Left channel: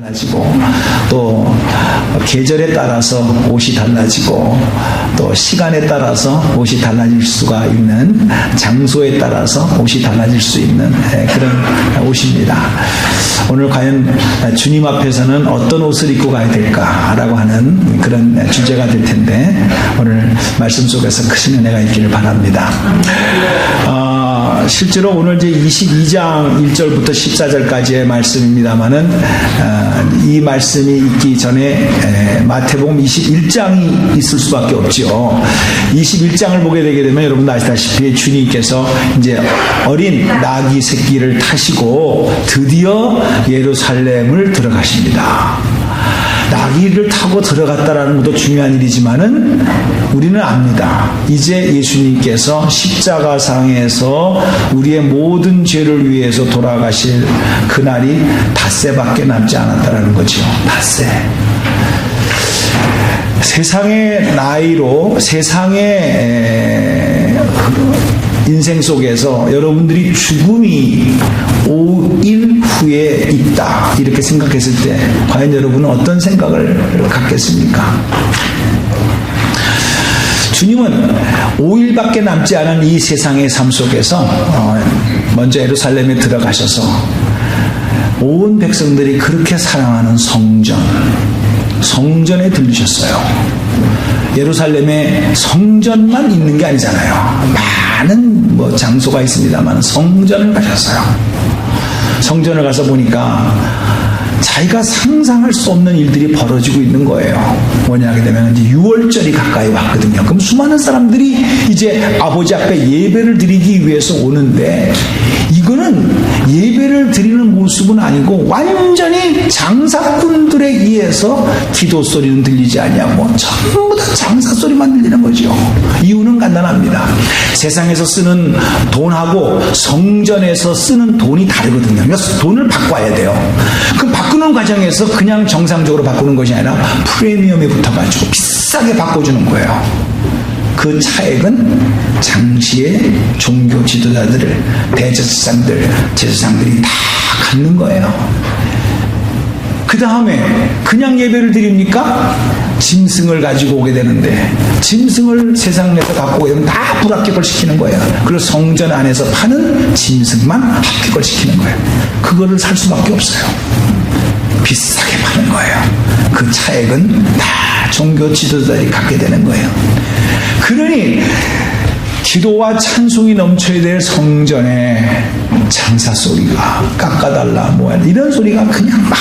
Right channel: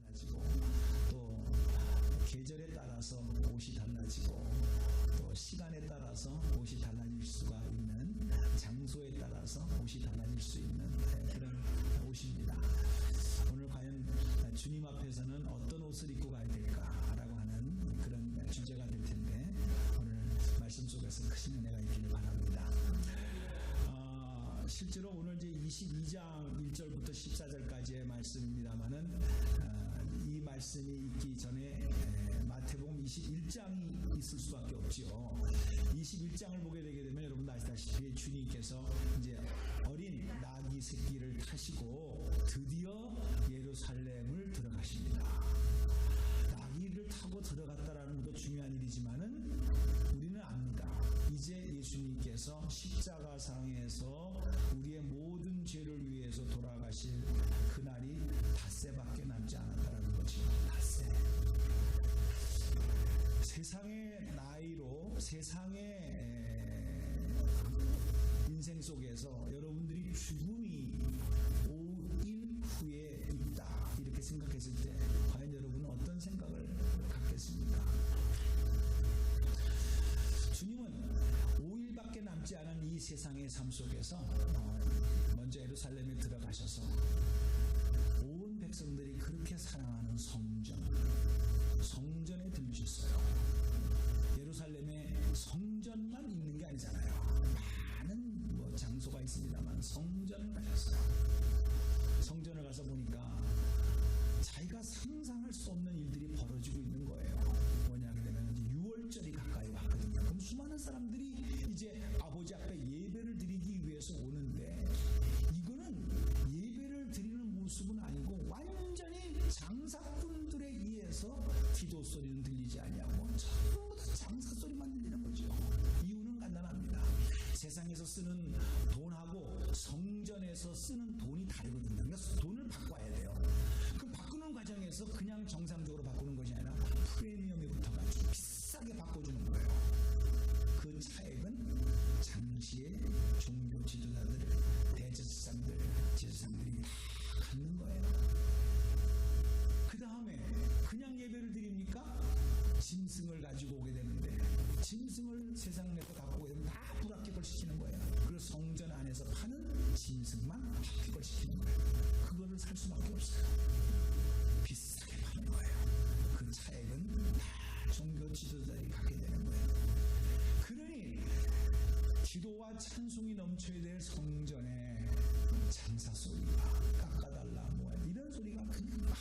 달라지고 또 계절에 따라서 옷이 달라지고 또 시간에 따라서 옷이 달라질 수가 있는, 장소에 따라서 옷이 달라질 수 있는 그런 옷입니다. 오늘 과연 주님 앞에서는 어떤 옷을 입고 가야 될까라고 하는 그런 주제가 될 텐데, 오늘 말씀 속에서 크신 은혜가 있기를 바랍니다. 실제로 오늘 이제 22장 1절부터 14절까지의 말씀입니다만은 이 말씀이 있기 전에 마태복음 21장이 있을 수밖에 없죠. 21장을 보게 되게 되면 여러분도 아시다시피 주님께서 이제 어린 나귀 새끼를 타시고 드디어 예루살렘을 들어가십니다. 나귀를 타고 들어갔다라는 것도 중요한 일이지만은 우리는 압니다. 이제 예수님께서 십자가상에서 우리의 모든 죄를 위해서 돌아가실 그날이 닷새밖에 남지 않았다라는 거죠. 닷새. 세상의 나이로, 세상의 인생 속에서 여러분들이 죽음이 5일 후에 있다 이렇게 생각했을 때 과연 여러분은 어떤 생각을 갖겠습니까? 주님은 5일밖에 남지 않은 이 세상의 삶 속에서 먼저 예루살렘에 들어가셔서 온 백성들이 그렇게 사랑하는 성전에 들르셨어요. 예루살렘에 성전만 있는 게 아니잖아요. 많은 장소가 있습니다만 성전을 가셨어요. 성전을 가서 보니까 자기가 상상할 수 없는 일들이 벌어지고 있는 거예요. 뭐냐 하게 되면 이제 6월절이 가까이 왔거든요. 그럼 수많은 사람들이 이제 아버지 앞에 예배를 드리기 위해서 오는데, 이거는 예배를 드리는 모습은 아니고 완전히 장사꾼들에 의해서 기도 소리는 들리지 않냐고 전부 다 장사 소리만 들리는 거죠. 이유는 간단합니다. 세상에서 쓰는 돈하고 성전에서 쓰는 돈이 다르거든요. 그러니까 돈을 바꿔야 돼요. 그럼 바꾸는 과정에서 그냥 정상적으로 바꾸는 것이 아니라 프리미엄에 붙어가지고 비싸게 바꿔주는 거예요. 그 차액은 당시의 종교 지도자들, 제사장들이 다 갖는 거예요. 그 다음에 그냥 예배를 드립니까? 짐승을 가지고 오게 되는데, 짐승을 세상에서 갖고 오게 되면 다 불합격을 시키는 거예요. 그리고 성전 안에서 파는 짐승만 합격을 시키는 거예요. 그거를 살 수밖에 없어요. 비싸게 파는 거예요. 그 차액은 다 종교 지도자들이 갖게 되는 거예요. 그러니 기도와 찬송이 넘쳐야 될 성전에 장사 소리가, 깎아달라 뭐야 이런 소리가 그냥 막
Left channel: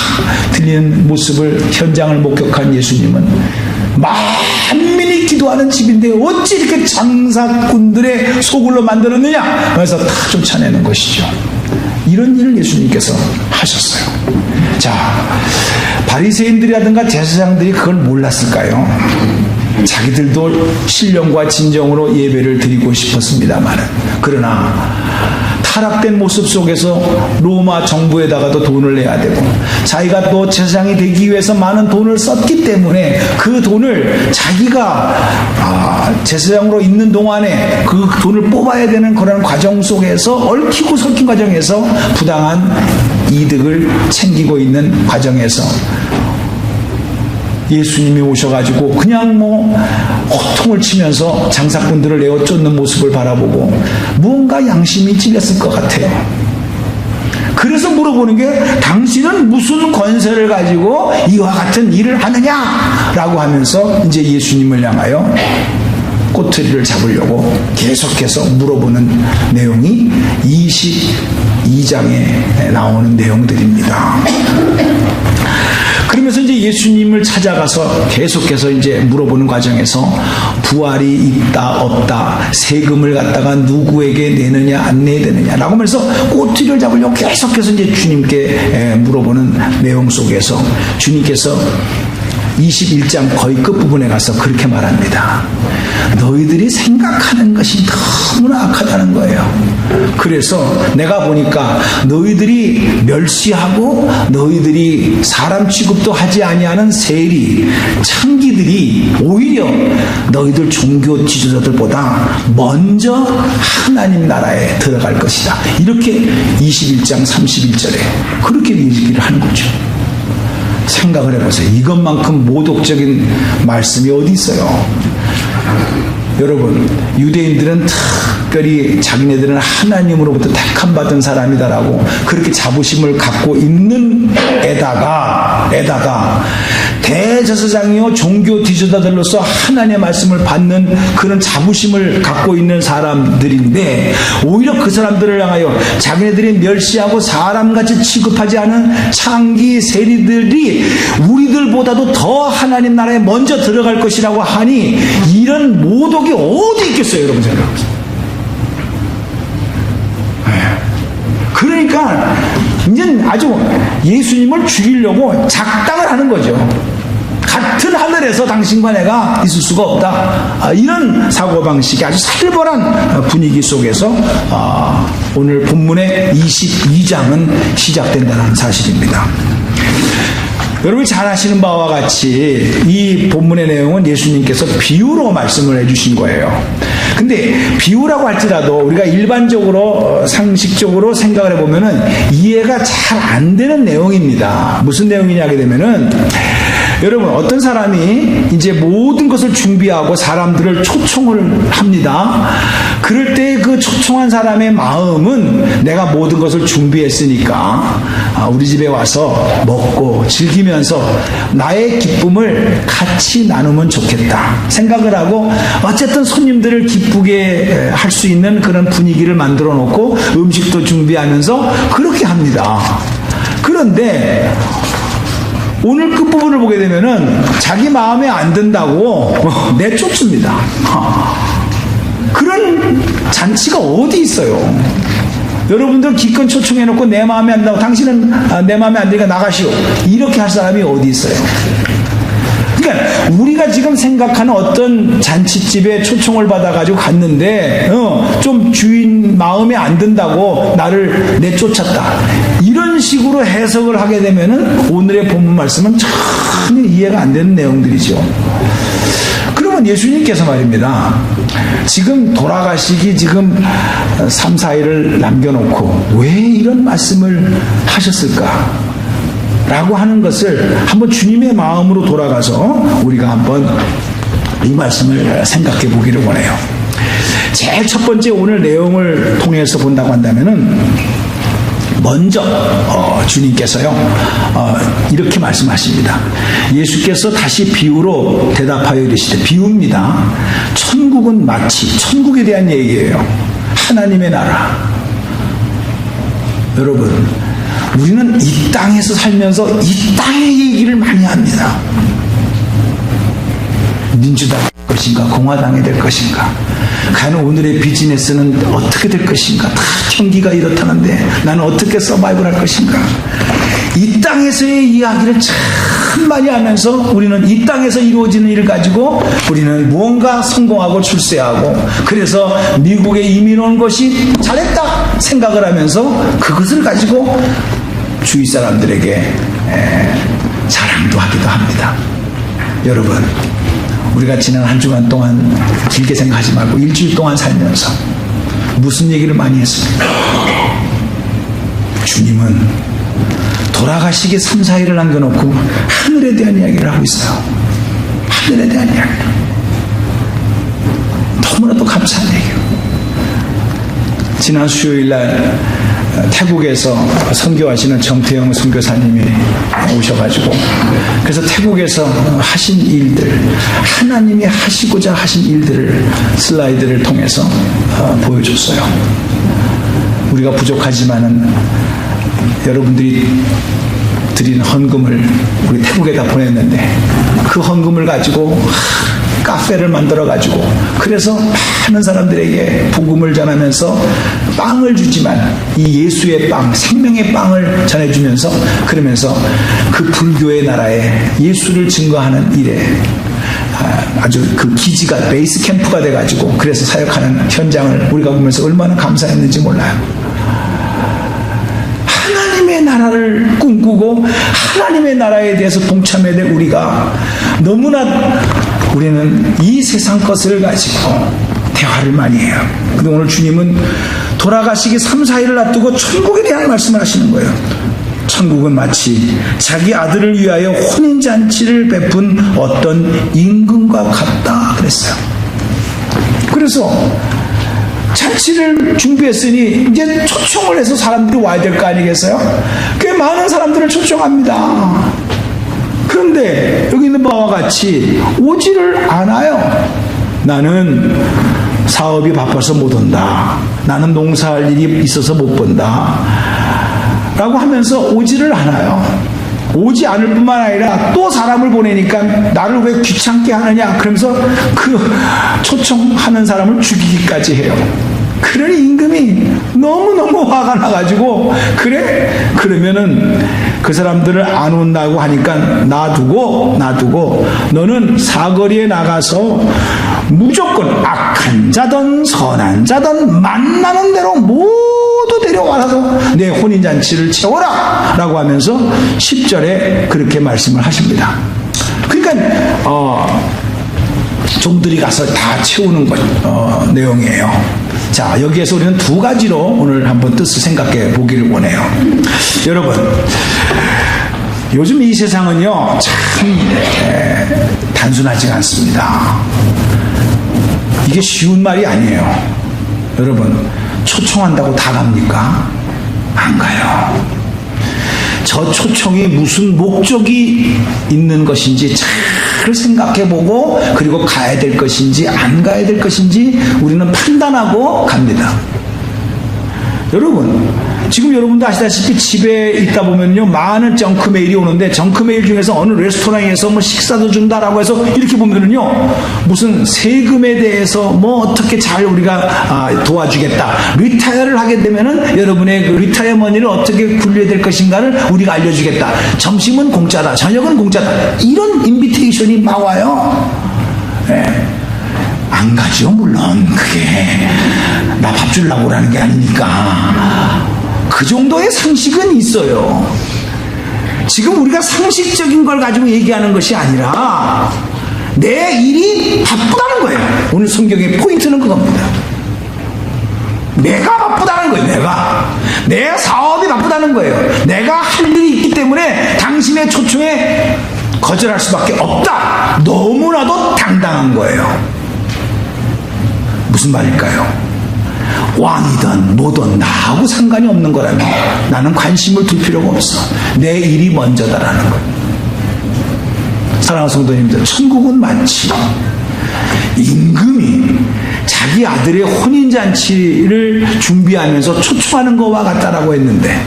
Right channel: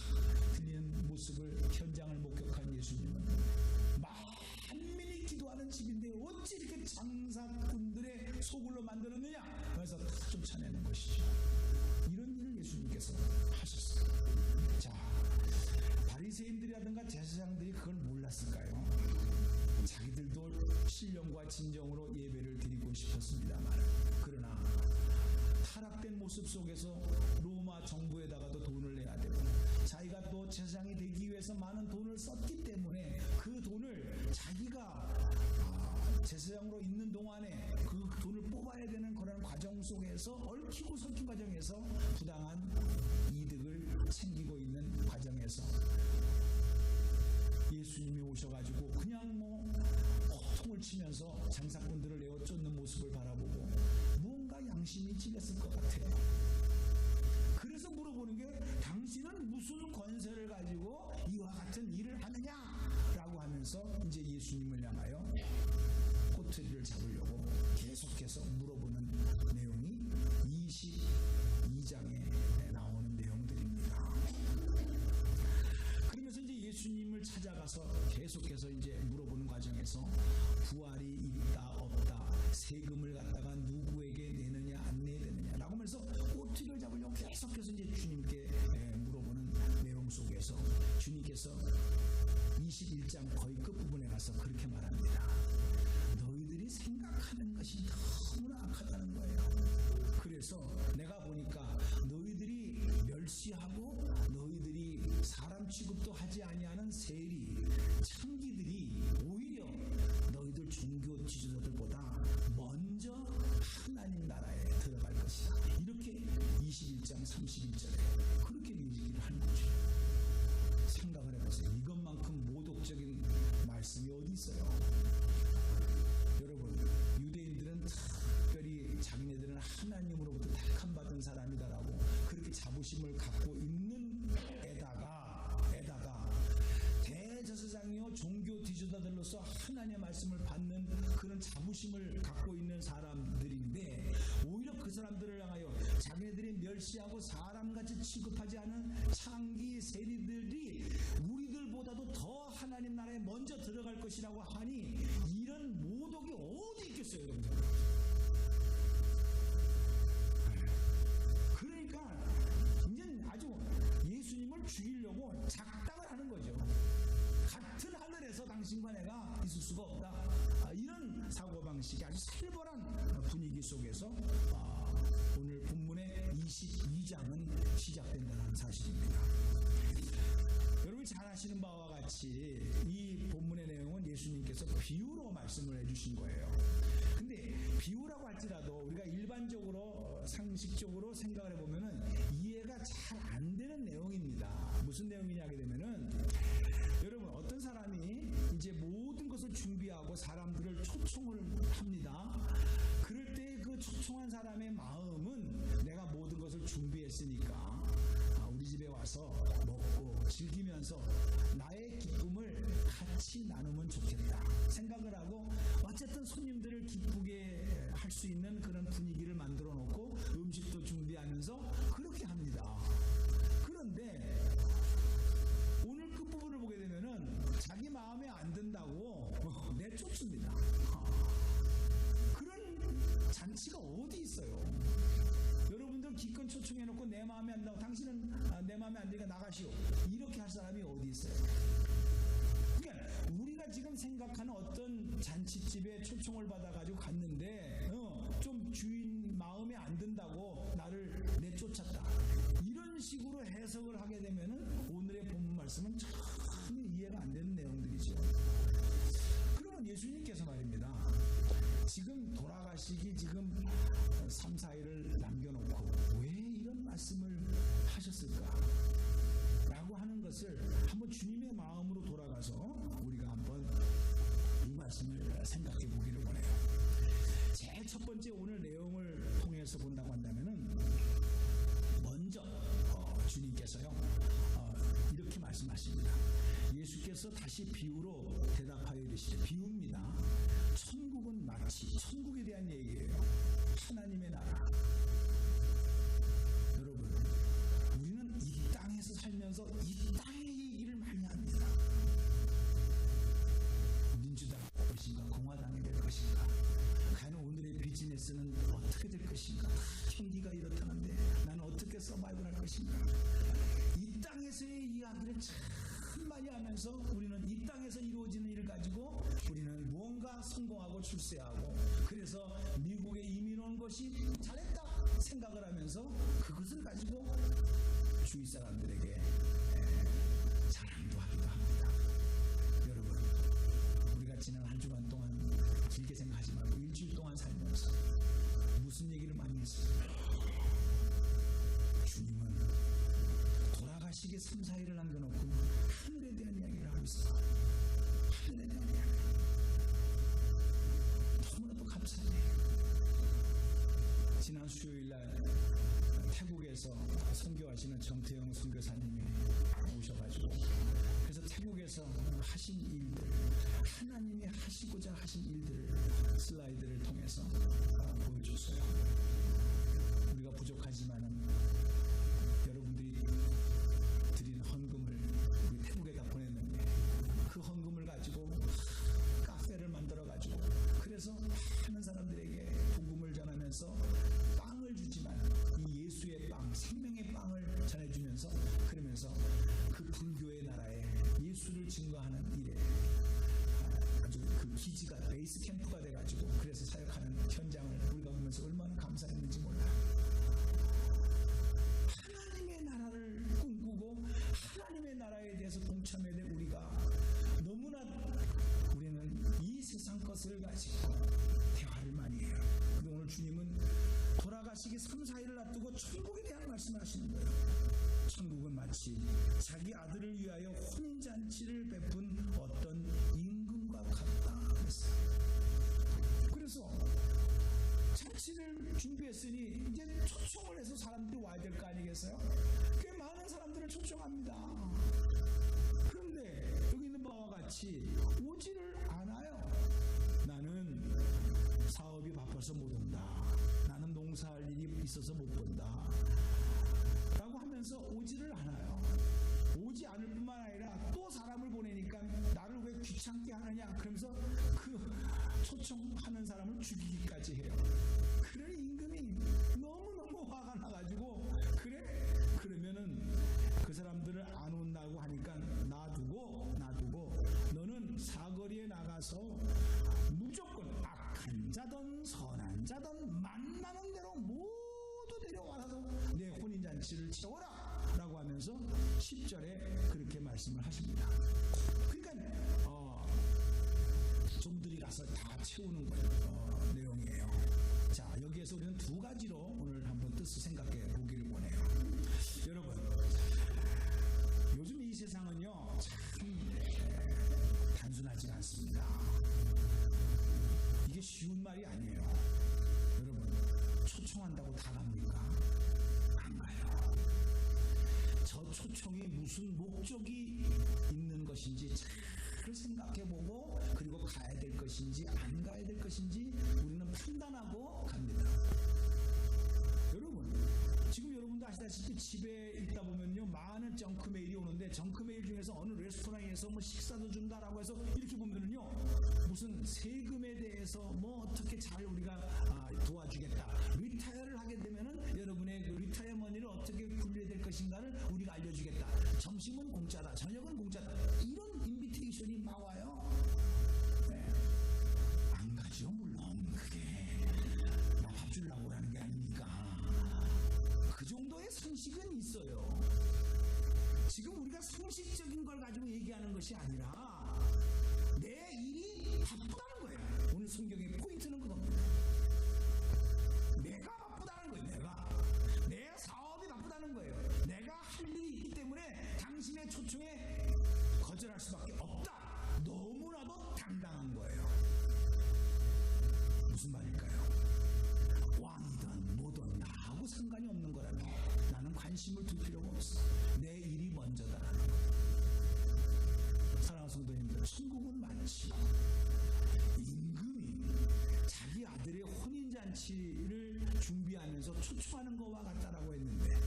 들리는 모습을, 현장을 목격한 예수님은 만민이 기도하는 집인데 어찌 이렇게 장사꾼들의 소굴로 만들었느냐, 그래서 다 쫓아내는 것이죠. 이런 일을 예수님께서 하셨어요. 자, 바리새인들이라든가 제사장들이 그걸 몰랐을까요? 자기들도 신령과 진정으로 예배를 드리고 싶었습니다만, 그러나 타락된 모습 속에서 로마 정부에다가도 돈을 내야 되고, 자기가 또 제사장이 되기 위해서 많은 돈을 썼기 때문에 그 돈을 자기가 제사장으로 있는 동안에 그 돈을 뽑아야 되는 그런 과정 속에서, 얽히고 설킨 과정에서 부당한 이득을 챙기고 있는 과정에서 예수님이 오셔가지고 그냥 호통을 치면서 장사꾼들을 내어 쫓는 모습을 바라보고 무언가 양심이 찔렸을 것 같아요. 그래서 물어보는 게, 당신은 무슨 권세를 가지고 이와 같은 일을 하느냐라고 하면서 이제 예수님을 향하여 꼬투리를 잡으려고 계속해서 물어보는 내용이 22장에 나오는 내용들입니다. 그러면서 이제 예수님을 찾아가서 계속해서 이제 물어보는 과정에서 부활이 있다 없다, 세금을 갖다가 누구에게 내느냐 안 내야 되느냐라고 하면서 꼬투리를 잡으려고 계속해서 이제 주님께 물어보는 내용 속에서 주님께서 21장 거의 끝부분에 가서 그렇게 말합니다. 너희들이 생각하는 것이 너무나 악하다는 거예요. 그래서 내가 보니까 너희들이 멸시하고 너희들이 사람 취급도 하지 아니하는 세리, 창기들이 오히려 너희들 종교 지도자들보다 먼저 하나님 나라에 들어갈 것이다. 이렇게 21장 31절에 그렇게 얘기를 하는 거죠. 생각을 해보세요. 이것만큼 모독적인 말씀이 어디 있어요? 여러분, 유대인들은 특별히 자기네들은 하나님으로부터 택함받은 사람이다라고 그렇게 자부심을 갖고 있는 에다가 대제사장이요 종교 지도자들로서 하나님의 말씀을 받는 그런 자부심을 갖고 있는 사람들인데, 오히려 그 사람들을 향하여 자기네들이 멸시하고 사람같이 취급하지 않은 창기 세리들이 우리들보다도 더 하나님 나라에 먼저 들어갈 것이라고 하니, 이런 모독이 어디 있겠어요? 여러분 생각해보세요. 그러니까 이제 아주 예수님을 죽이려고 작당을 하는 거죠. 같은 하늘에서 당신과 내가 있을 수가 없다. 이런 사고방식이 아주 살벌한 분위기 속에서 오늘 본문의 22장은 시작된다는 사실입니다. 여러분이 잘 아시는 바와 같이 이 본문의 내용은 예수님께서 비유로 말씀을 해주신 거예요. 근데 비유라고 할지라도 우리가 일반적으로 상식적으로 생각을 해보면은 이해가 잘 안 되는 내용입니다. 무슨 내용이냐 하게 되면은, 여러분, 어떤 사람이 이제 모든 것을 준비하고 사람들을 초청을 합니다. 그럴 때 그 초청한 사람의 마음은 내가 모든 것을 준비했으니까 우리 집에 와서 먹고 즐기면서 나의 기쁨을 같이 나누면 좋겠다 생각을 하고, 어쨌든 손님들을 기쁘게 할 수 있는 그런 분위기를 만들어 놓고 음식도 준비하면서 그렇게 합니다. 그런데 오늘 끝부분을 보게 되면은 자기 마음에 안 든다고 내쫓습니다. 그런 잔치가 어디 있어요? 여러분들 기껏 초청해놓고 내 마음에 안 든다고, 당신은 내 마음에 안 드니까 나가시오, 이렇게 할 사람이 어디 있어요? 그러니까 우리가 지금 생각하는 어떤 잔치집에 초청을 받아가지고 갔는데 좀 주인 마음에 안 든다고 나를 내쫓았다, 이런 식으로 해석을 하게 되면은 오늘의 본문 말씀은 전혀 이해가 안 되는 내용들이죠. 그러면 예수님께서 말입니다, 지금 돌아가시기 지금 3, 4일을 남겨놓고 왜 이런 말씀을 하셨을까? 라고 하는 것을 한번 주님의 마음으로 돌아가서 우리가 한번 이 말씀을 생각해 보기를 원해요. 제일 첫 번째 오늘 내용을 통해서 본다고 한다면은, 먼저 주님께서요 이렇게 말씀하십니다. 예수께서 다시 비유로 대답하여 이르시되, 비유입니다. 천국은 마치, 천국에 대한 얘기예요. 하나님의 나라. 여러분, 우리는 이 땅에서 살면서 이 땅의 얘기를 많이 합니다. 민주당이 될 것인가, 공화당이 될 것인가, 과연 오늘의 비즈니스는 어떻게 될 것인가, 다 경기가 이렇다는데 나는 어떻게 서바이벌 할 것인가. 이 땅에서의 이야기를 참 많이 하면서 우리는 이 땅에서 이루어지는 일을 가지고 우리는 무언가 성공하고 출세하고, 그래서 미국에 이민 온 것이 잘했다 생각을 하면서 그것을 가지고 주위 사람들에게 자랑도 하기도 합니다. 여러분, 우리가 지난 한 주간 동안 길게 생각하지 말고 일주일 동안 살면서 무슨 얘기를 많이 했습니까? 주님은 돌아가시기 3, 4일을 남겨놓고 하늘에 대한 이야기를 하고 있어요. 하늘에 대한 이야기를. 너무나도 감사한 얘기예요. 지난 수요일날 태국에서 선교하시는 정태영 선교사님이 오셔가지고, 그래서 태국에서 하신 일들, 하나님이 하시고자 하신 일들을 슬라이드를 통해서 보여줬어요. 우리가 부족하지만은 여러분들이 드린 헌금을 우리 태국에다 보냈는데, 그 헌금을 가지고 카페를 만들어가지고, 그래서 많은 사람들에게 복음을 전하면서 빵을 주지만 이 예수의 빵, 생명의 빵을 전해주면서, 그러면서 그 불교의 나라에 예수를 증거하는 일에 아주 그 기지가 베이스 캠프가 돼가지고 그래서 사역하는 현장을 우리가 보면서 얼마나 감사했는지 몰라요. 하나님의 나라를 꿈꾸고 하나님의 나라에 대해서 동참해야 될 우리가 너무나, 우리는 이 세상 것을 가지고 대화를 많이 해요. 근데 오늘 주님은 돌아가시기 3, 4일을 놔두고 천국에 대한 말씀을 하시는 거예요. 천국은 마치 자기 아들을 위하여 혼인잔치를 베푼 어떤 임금과 같다 그랬어요. 그래서 잔치를 준비했으니 이제 초청을 해서 사람들이 와야 될 거 아니겠어요? 꽤 많은 사람들을 초청합니다. 그런데 여기 있는 바와 같이 오지를 않아요. 나는 사업이 바빠서 못 온다. 나는 농사할 일이 있어서 못 본다. 라고 하면서 오지를 않아요. 오지 않을 뿐만 아니라 또 사람을 보내니까 나를 왜 귀찮게 하느냐 그러면서 그 초청하는 사람을 죽이기까지 해요. 그러니 임금이 너무너무 화가 나가지고 그래? 그러면은 그 사람들을 안 온다고 하니까 놔두고 너는 사거리에 나가서 무조건 악한 자든 선한 자든 만나는 대로 모두 데려와서 내 혼인잔치를 채워라 라고 하면서 10절에 그렇게 말씀을 하십니다. 그러니까 종들이 가서 다 채우는 내용이에요. 자, 여기에서 우리는 두 가지로 오늘 한번 뜻을 생각해 보기를 원해요. 여러분, 요즘 이 세상은요 참 단순하지가 않습니다. 이게 쉬운 말이 아니에요. 여러분, 초청한다고 다 갑니까? 안 가요. 저 초청이 무슨 목적이 있는 것인지 잘 생각해보고 그리고 가야 될 것인지 안 가야 될 것인지 우리는 판단하고 갑니다. 여러분, 지금 여러분도 아시다시피 집에 있다 보면요 많은 정크 메일이 오는데 정크 메일 중에서 어느 레스토랑에서 뭐 식사도 준다라고 해서 이렇게 보면은요 무슨 세금에 대해서 뭐 어떻게 잘 우리가 도와주겠다, 리타이어를 하게 되면은 여러분의 그 리타이어 머니를 어떻게 굴려야 될 것인가를 우리가 알려주겠다, 점심은 공짜다, 저녁은 공짜다, 이런 인비테이션이 막 와요. 네. 안 가죠. 물론 그게 나 밥 주려고 그러는 게 아니니까. 그 정도의 상식은 있어요. 지금 우리가 상식적인 걸 가지고 얘기하는 것이 아니라 내 일이 바쁘다는 거예요. 오늘 성경의 포인트는 그겁니다. 내가 바쁘다는 거예요. 내 사업이 바쁘다는 거예요. 내가 할 일이 있기 때문에 당신의 초청에 거절할 수밖에 없다. 너무나도 당당한 거예요. 무슨 말일까요? 왕이든 뭐든 나하고 상관이 없는 거라면 나는 관심을 둘 필요가 없어. 내 일이 먼저다라는 거예요. 사랑하는 성도님들, 천국은 마치 임금이 자기 아들의 혼인잔치를 준비하면서 초청하는 것과 같다라고 했는데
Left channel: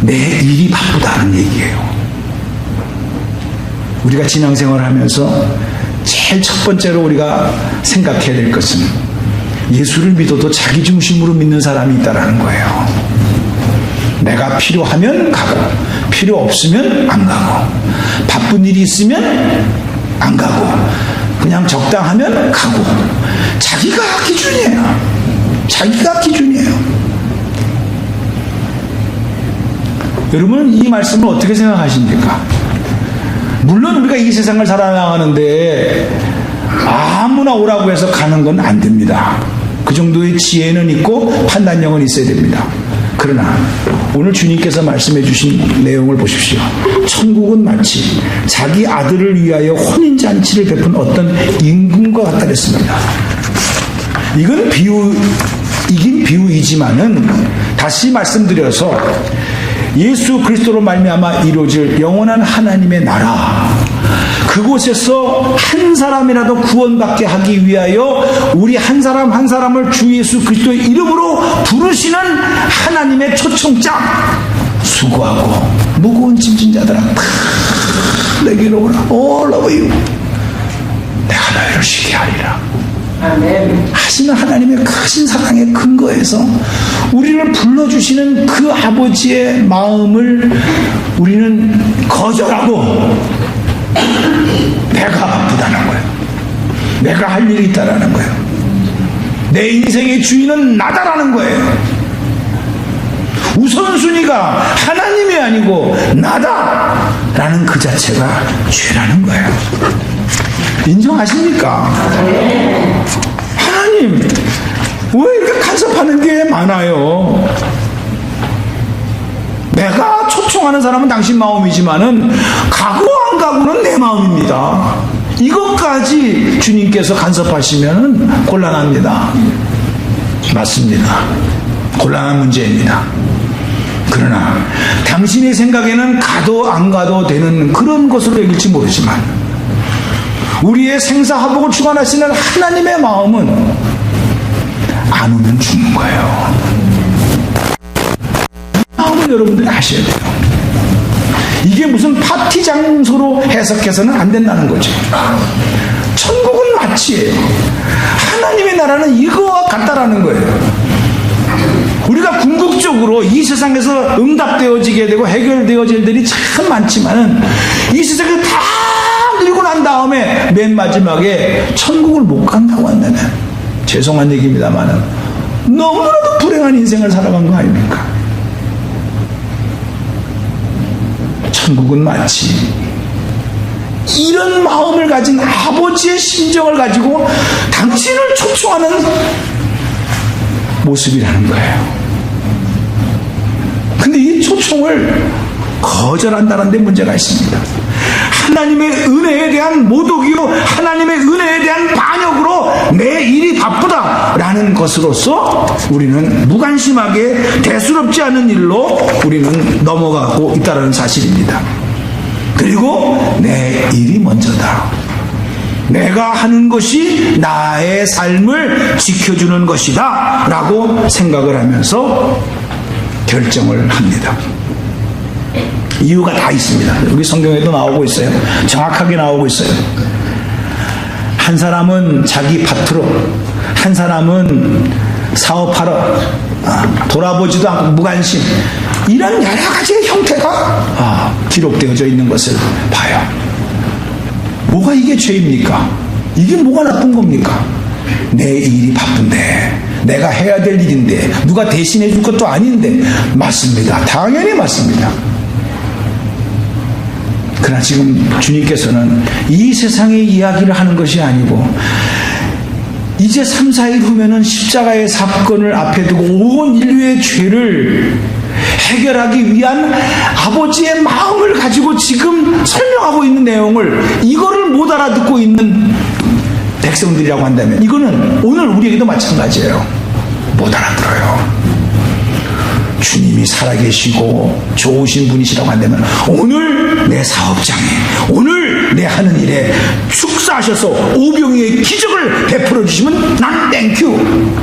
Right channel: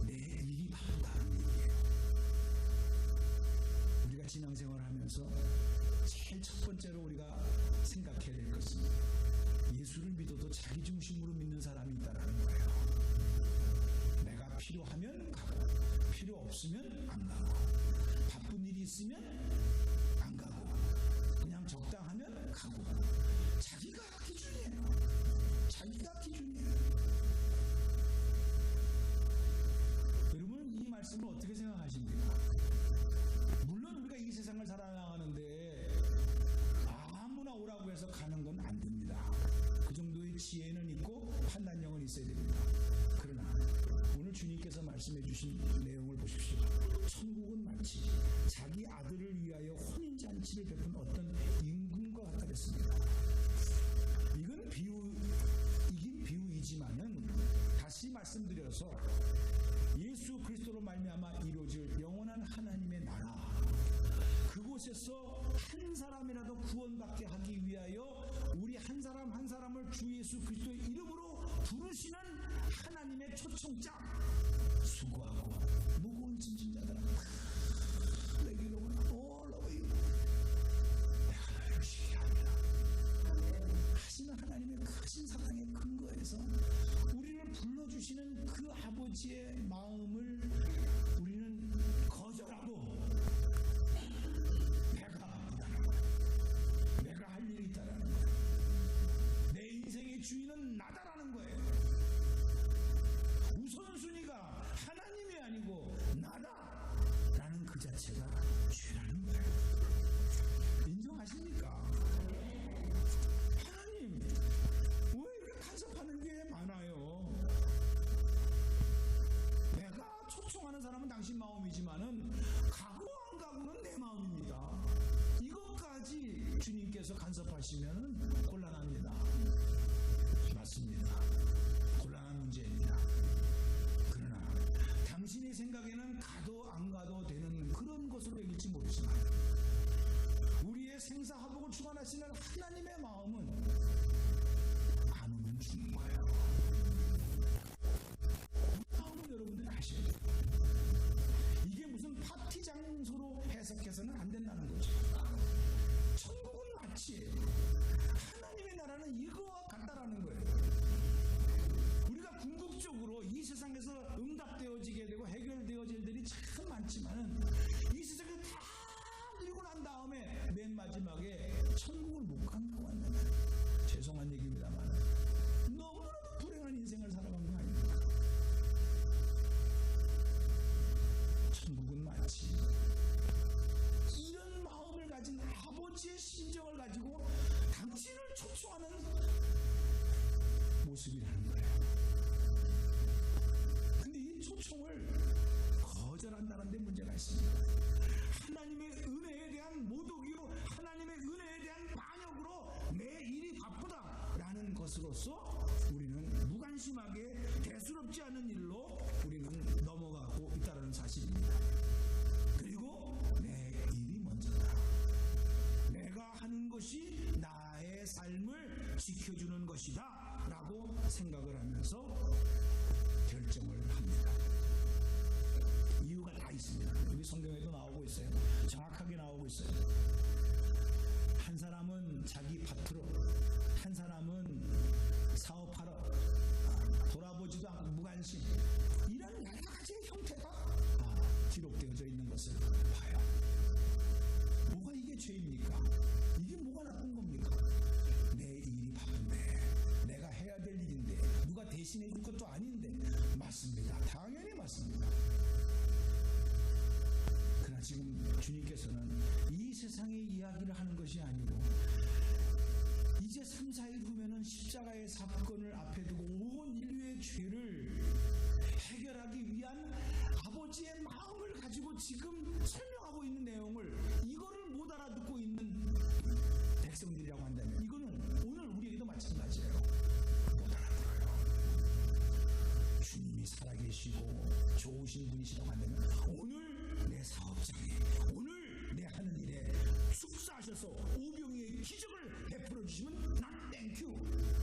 내 일이 바쁘다는 얘기예요. 우리가 신앙생활을 하면서 제일 첫 번째로 우리가 생각해야 될 것은 예수를 믿어도 자기 중심으로 믿는 사람이 있다는 거예요. 내가 필요하면 가고 필요 없으면 안 가고 바쁜 일이 있으면 안 가고 그냥 적당하면 가고 자기가 기준이에요. 여러분은 이 말씀을 어떻게 생각하십니까? 물론 우리가 이 세상을 살아나가는데 아무나 오라고 해서 가는 건 안 됩니다. 그 정도의 지혜는 있고 판단력은 있어야 됩니다. 그러나 오늘 주님께서 말씀해 주신 내용을 보십시오. 천국은 마치 자기 아들을 위하여 혼인잔치를 베푼 어떤 임금과 같다 그랬습니다. 이건 비유이긴 비유이지만은 다시 말씀드려서 예수 그리스도로 말미암아 이루어질 영원한 하나님의 나라, 그곳에서 한 사람이라도 구원받게 하기 위하여 우리 한 사람 한 사람을 주 예수 그리스도의 이름으로 부르시는 하나님의 초청장, 수고하고 무거운 짐진 자들아 다 내게로 오라. All of you, 내가 너희를 쉬게 하리라. 아멘. 하시는 하나님의 크신 사랑의 근거에서 우리를 불러주시는 그 아버지의 마음을 우리는 거절하고 내가 바쁘다는 거예요. 내가 할 일이 있다라는 거예요. 내 인생의 주인은 나다라는 거예요. 우선순위가 하나님이 아니고 나다라는 그 자체가 죄라는 거예요. 인정하십니까? 하나님, 왜 이렇게 간섭하는 게 많아요? 내가 초청하는 사람은 당신 마음이지만은 가고 안 가고는 내 마음입니다. 이것까지 주님께서 간섭하시면 곤란합니다. 맞습니다. 곤란한 문제입니다. 그러나 당신의 생각에는 가도 안 가도 되는 그런 것으로 여길지 모르지만 우리의 생사화복을 주관하시는 하나님의 마음은 안 오면 죽는 거예요. 마음을 여러분들이 아셔야 돼요. 이게 무슨 파티 장소로 해석해서는 안 된다는 거죠. 천국은 마치예요. 하나님의 나라는 이거와 같다라는 거예요. 우리가 궁극적으로 이 세상에서 응답되어지게 되고 해결되어질 일들이 참 많지만은 이 세상에 다 누리고 난 다음에 맨 마지막에 천국을 못 간다고 한다면 죄송한 얘기입니다만은 너무나도 불행한 인생을 살아간 거 아닙니까? 천국은 마치 이런 마음을 가진 아버지의 심정을 가지고 당신을 초청하는 모습이라는 거예요. 근데 이 초청을 거절한다는 데 문제가 있습니다. 하나님의 은혜에 대한 모독이요, 하나님의 은혜에 대한 반역으로 내 일이 바쁘다라는 것으로서 우리는 무관심하게 대수롭지 않은 일로 우리는 넘어가고 있다는 사실입니다. 그리고 내 일이 먼저다. 내가 하는 것이 나의 삶을 지켜주는 것이다 라고 생각을 하면서 결정을 합니다. 이유가 다 있습니다. 여기 성경에도 나오고 있어요. 정확하게 나오고 있어요. 한 사람은 자기 밭으로, 한 사람은 사업하러, 돌아보지도 않고 무관심, 이런 여러 가지의 형태가 기록되어져 있는 것을 봐요. 뭐가 이게 죄입니까? 이게 뭐가 나쁜 겁니까? 내 일이 바쁜데, 내가 해야 될 일인데, 누가 대신해 줄 것도 아닌데. 맞습니다. 당연히 맞습니다. 그러나 지금 주님께서는 이 세상의 이야기를 하는 것이 아니고 이제 3, 4일 후면은 십자가의 사건을 앞에 두고 온 인류의 죄를 해결하기 위한 아버지의 마음을 가지고 지금 설명하고 있는 내용을 이거를 못 알아듣고 있는 백성들이라고 한다면 이거는 오늘 우리에게도 마찬가지예요. 못 알아들어요. 주님이 살아계시고 좋으신 분이시라고 한다면 오늘 내 사업장에, 오늘 내 하는 일에 축사하셔서 오병이의 기적을 베풀어 주시면 난 땡큐.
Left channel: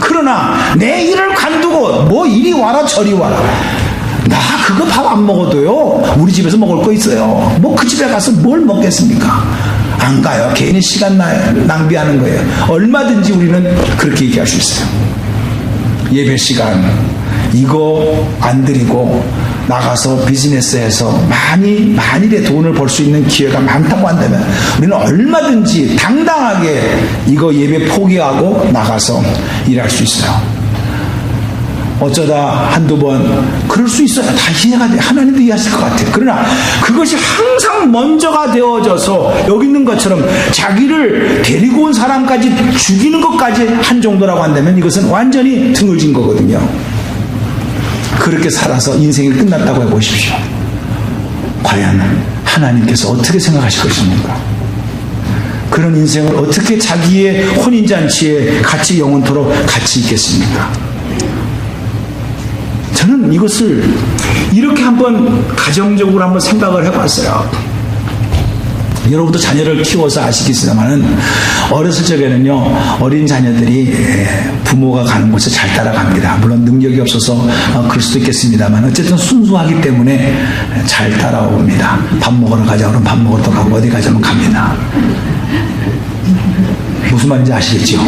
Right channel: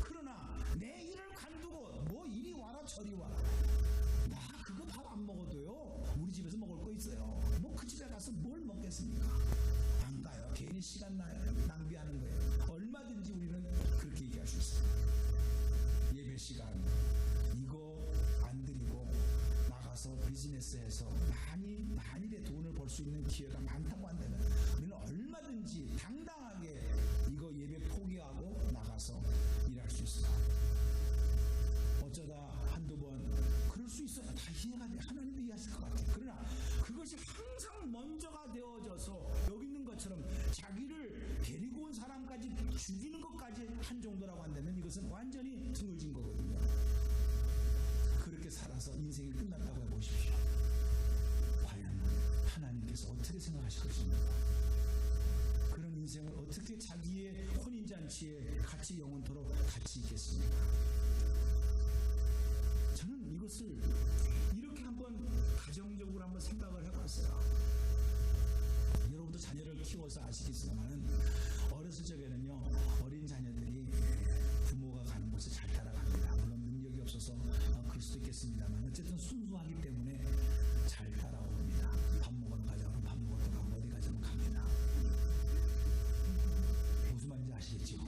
그러나 내 일을 관두고 뭐 이리 와라 저리 와라, 나 그거 밥 안 먹어도요 우리 집에서 먹을 거 있어요. 뭐 그 집에 가서 뭘 먹겠습니까? 안 가요. 괜히 시간 낭비하는 거예요. 얼마든지 우리는 그렇게 얘기할 수 있어요. 예배 시간 이거 안 드리고 나가서 비즈니스에서 만일의 돈을 벌 수 있는 기회가 많다고 한다면 우리는 얼마든지 당당하게 이거 예배 포기하고 나가서 일할 수 있어요. 어쩌다 한두 번 그럴 수 있어요. 다 이해가 돼. 하나님도 이해하실 것 같아요. 그러나 그것이 항상 먼저가 되어져서 여기 있는 것처럼 자기를 데리고 온 사람까지 죽이는 것까지 한 정도라고 한다면 이것은 완전히 등을진 거거든요. 그렇게 살아서 인생이 끝났다고 해보십시오. 과연 하나님께서 어떻게 생각하실 것입니까? 그런 인생을 어떻게 자기의 혼인잔치에 같이 영원토록 같이 있겠습니까? 저는 이것을 이렇게 한번 가정적으로 한번 생각을 해봤어요. 여러분도 자녀를 키워서 아시겠습니다만은 어렸을 적에는요 어린 자녀들이 부모가 가는 곳에 잘 따라갑니다. 물론 능력이 없어서 그럴 수도 있겠습니다만 어쨌든 순수하기 때문에 잘 따라옵니다. 밥 먹으러 가자 그러면 밥 먹으러 가고 어디 가자면 갑니다. 무슨 말인지 아시겠죠?